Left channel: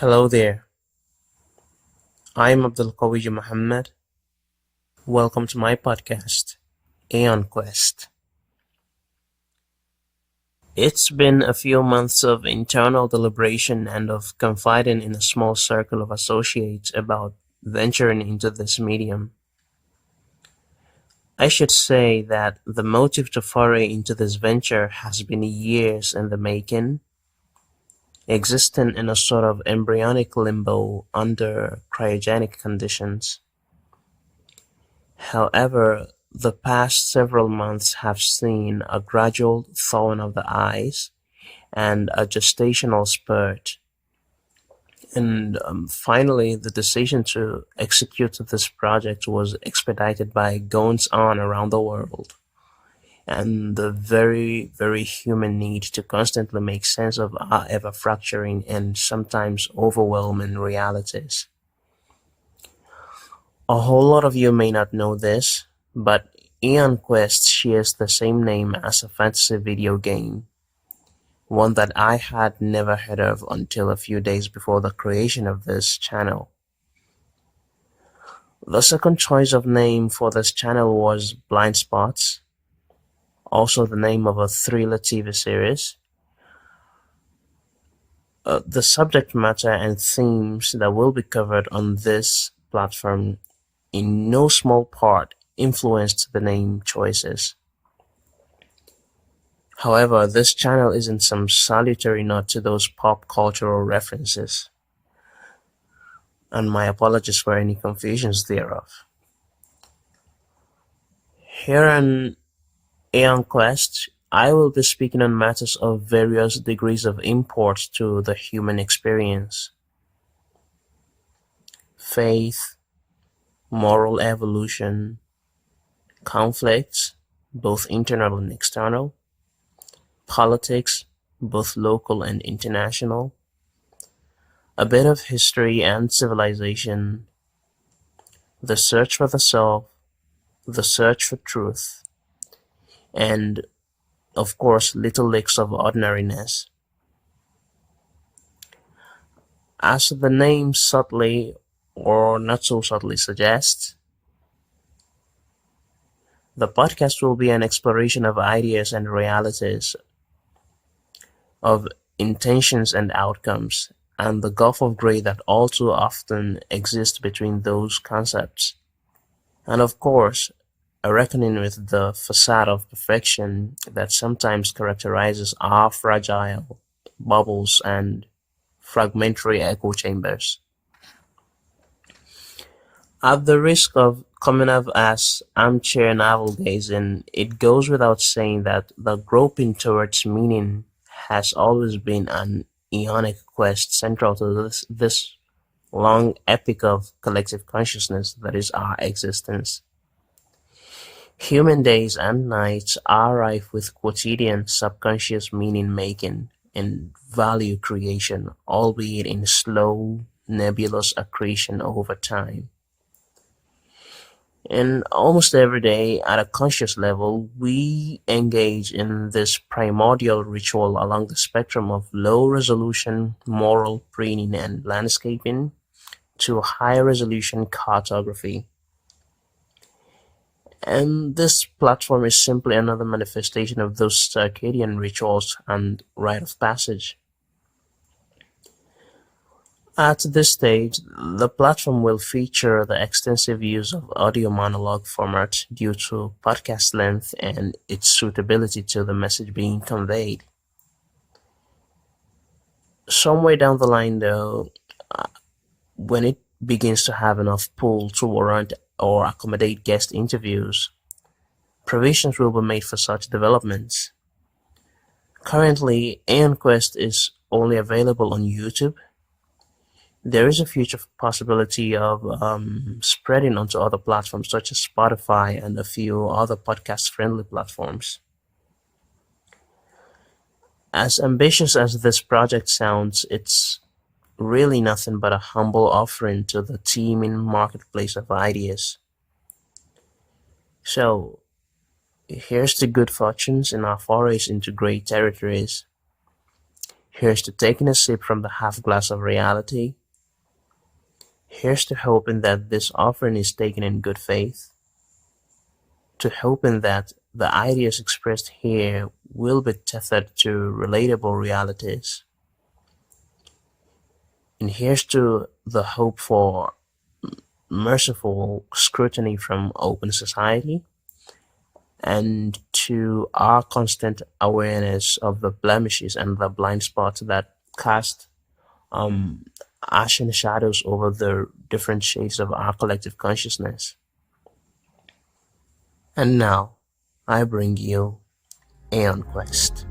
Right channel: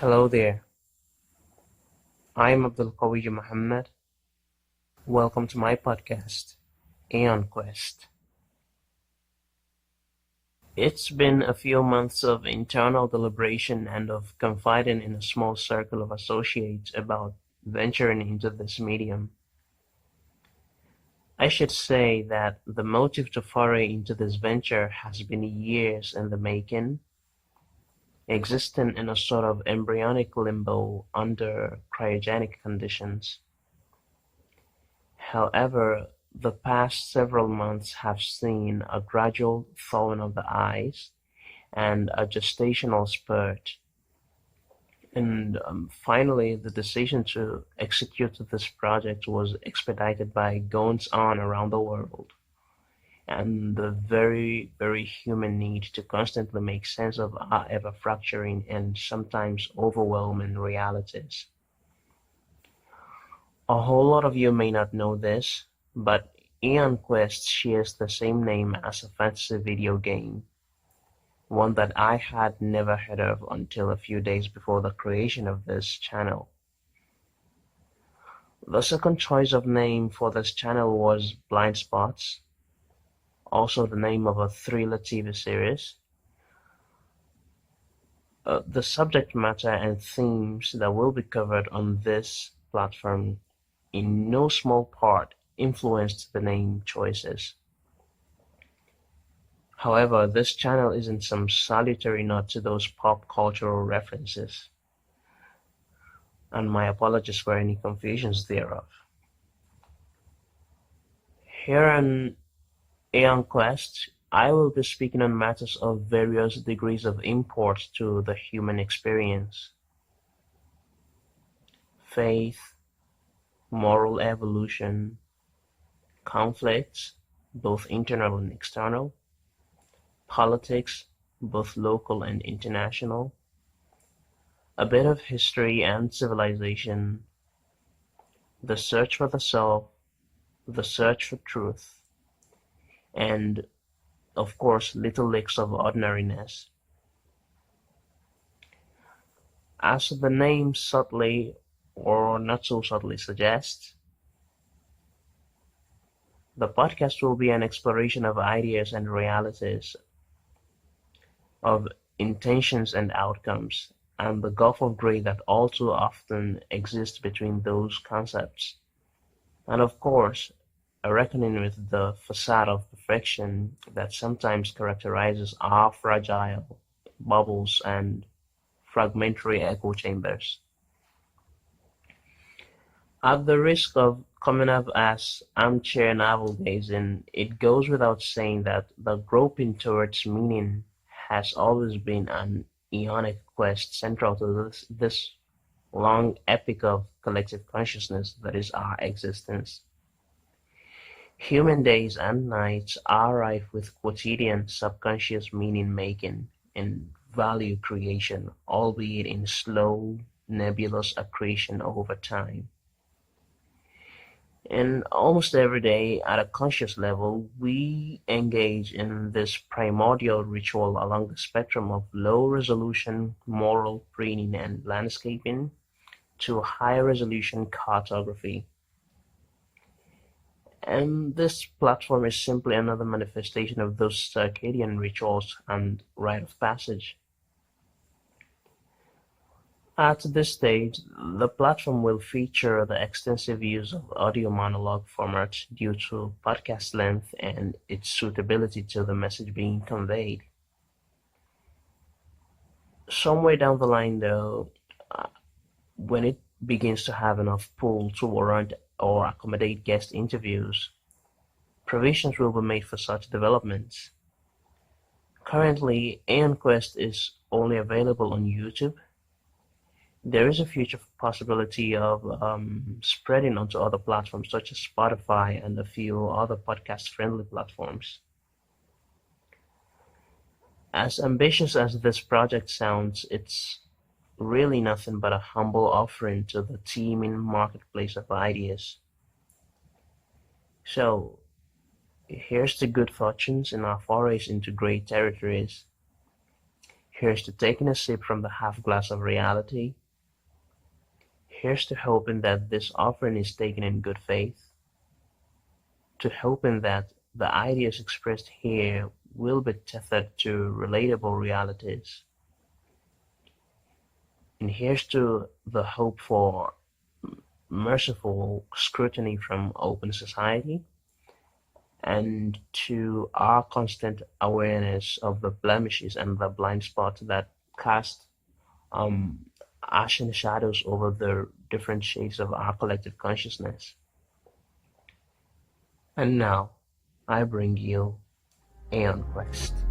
Hello there, I'm Abdul Qawi Muhammad. Welcome to my podcast, Aeon Quest. It's been a few months of internal deliberation and of confiding in a small circle of associates about venturing into this medium. I should say that the motive to foray into this venture has been years in the making, existing in a sort of embryonic limbo under cryogenic conditions. However, the past several months have seen a gradual thawing of the ice and a gestational spurt. And finally, the decision to execute this project was expedited by goings on around the world and the very, very human need to constantly make sense of our ever fracturing and sometimes overwhelming realities. A whole lot of you may not know this, but Aeon Quest shares the same name as a fantasy video game, one that I had never heard of until a few days before the creation of this channel. The second choice of name for this channel was Blind Spots, also the name of a thriller TV series. The subject matter and themes that will be covered on this platform in no small part influenced the name choices. However, this channel isn't some salutary nod to those pop cultural references, and my apologies for any confusions thereof. Here on Aeon Quest, I will be speaking on matters of various degrees of import to the human experience: faith, moral evolution, conflicts, both internal and external, politics, both local and international, a bit of history and civilization, the search for the self, the search for truth, and, of course, little licks of ordinariness. As the name subtly or not so subtly suggests, the podcast will be an exploration of ideas and realities, of intentions and outcomes, and the gulf of gray that all too often exists between those concepts. And of course, a reckoning with the facade of perfection that sometimes characterizes our fragile bubbles and fragmentary echo chambers. At the risk of coming off as armchair navel gazing, it goes without saying that the groping towards meaning has always been an aeonic quest central to this long epic of collective consciousness that is our existence. Human days and nights are rife with quotidian subconscious meaning making and value creation, albeit in slow, nebulous accretion over time. And almost every day, at a conscious level, we engage in this primordial ritual along the spectrum of low-resolution moral preening and landscaping to high-resolution cartography. And this platform is simply another manifestation of those circadian rituals and rite of passage. At this stage, the platform will feature the extensive use of audio monologue format due to podcast length and its suitability to the message being conveyed. Somewhere down the line, though, when it begins to have enough pull to warrant or accommodate guest interviews, provisions will be made for such developments. Currently, Aeon Quest is only available on YouTube. There is a future possibility of spreading onto other platforms such as Spotify and a few other podcast-friendly platforms. As ambitious as this project sounds, it's really nothing but a humble offering to the teeming marketplace of ideas. So, here's to good fortunes in our forays into great territories. Here's to taking a sip from the half glass of reality. Here's to hoping that this offering is taken in good faith, to hoping that the ideas expressed here will be tethered to relatable realities. And here's to the hope for merciful scrutiny from open society, and to our constant awareness of the blemishes and the blind spots that cast um, ashen shadows over the different shades of our collective consciousness. And now, I bring you Aeon Quest.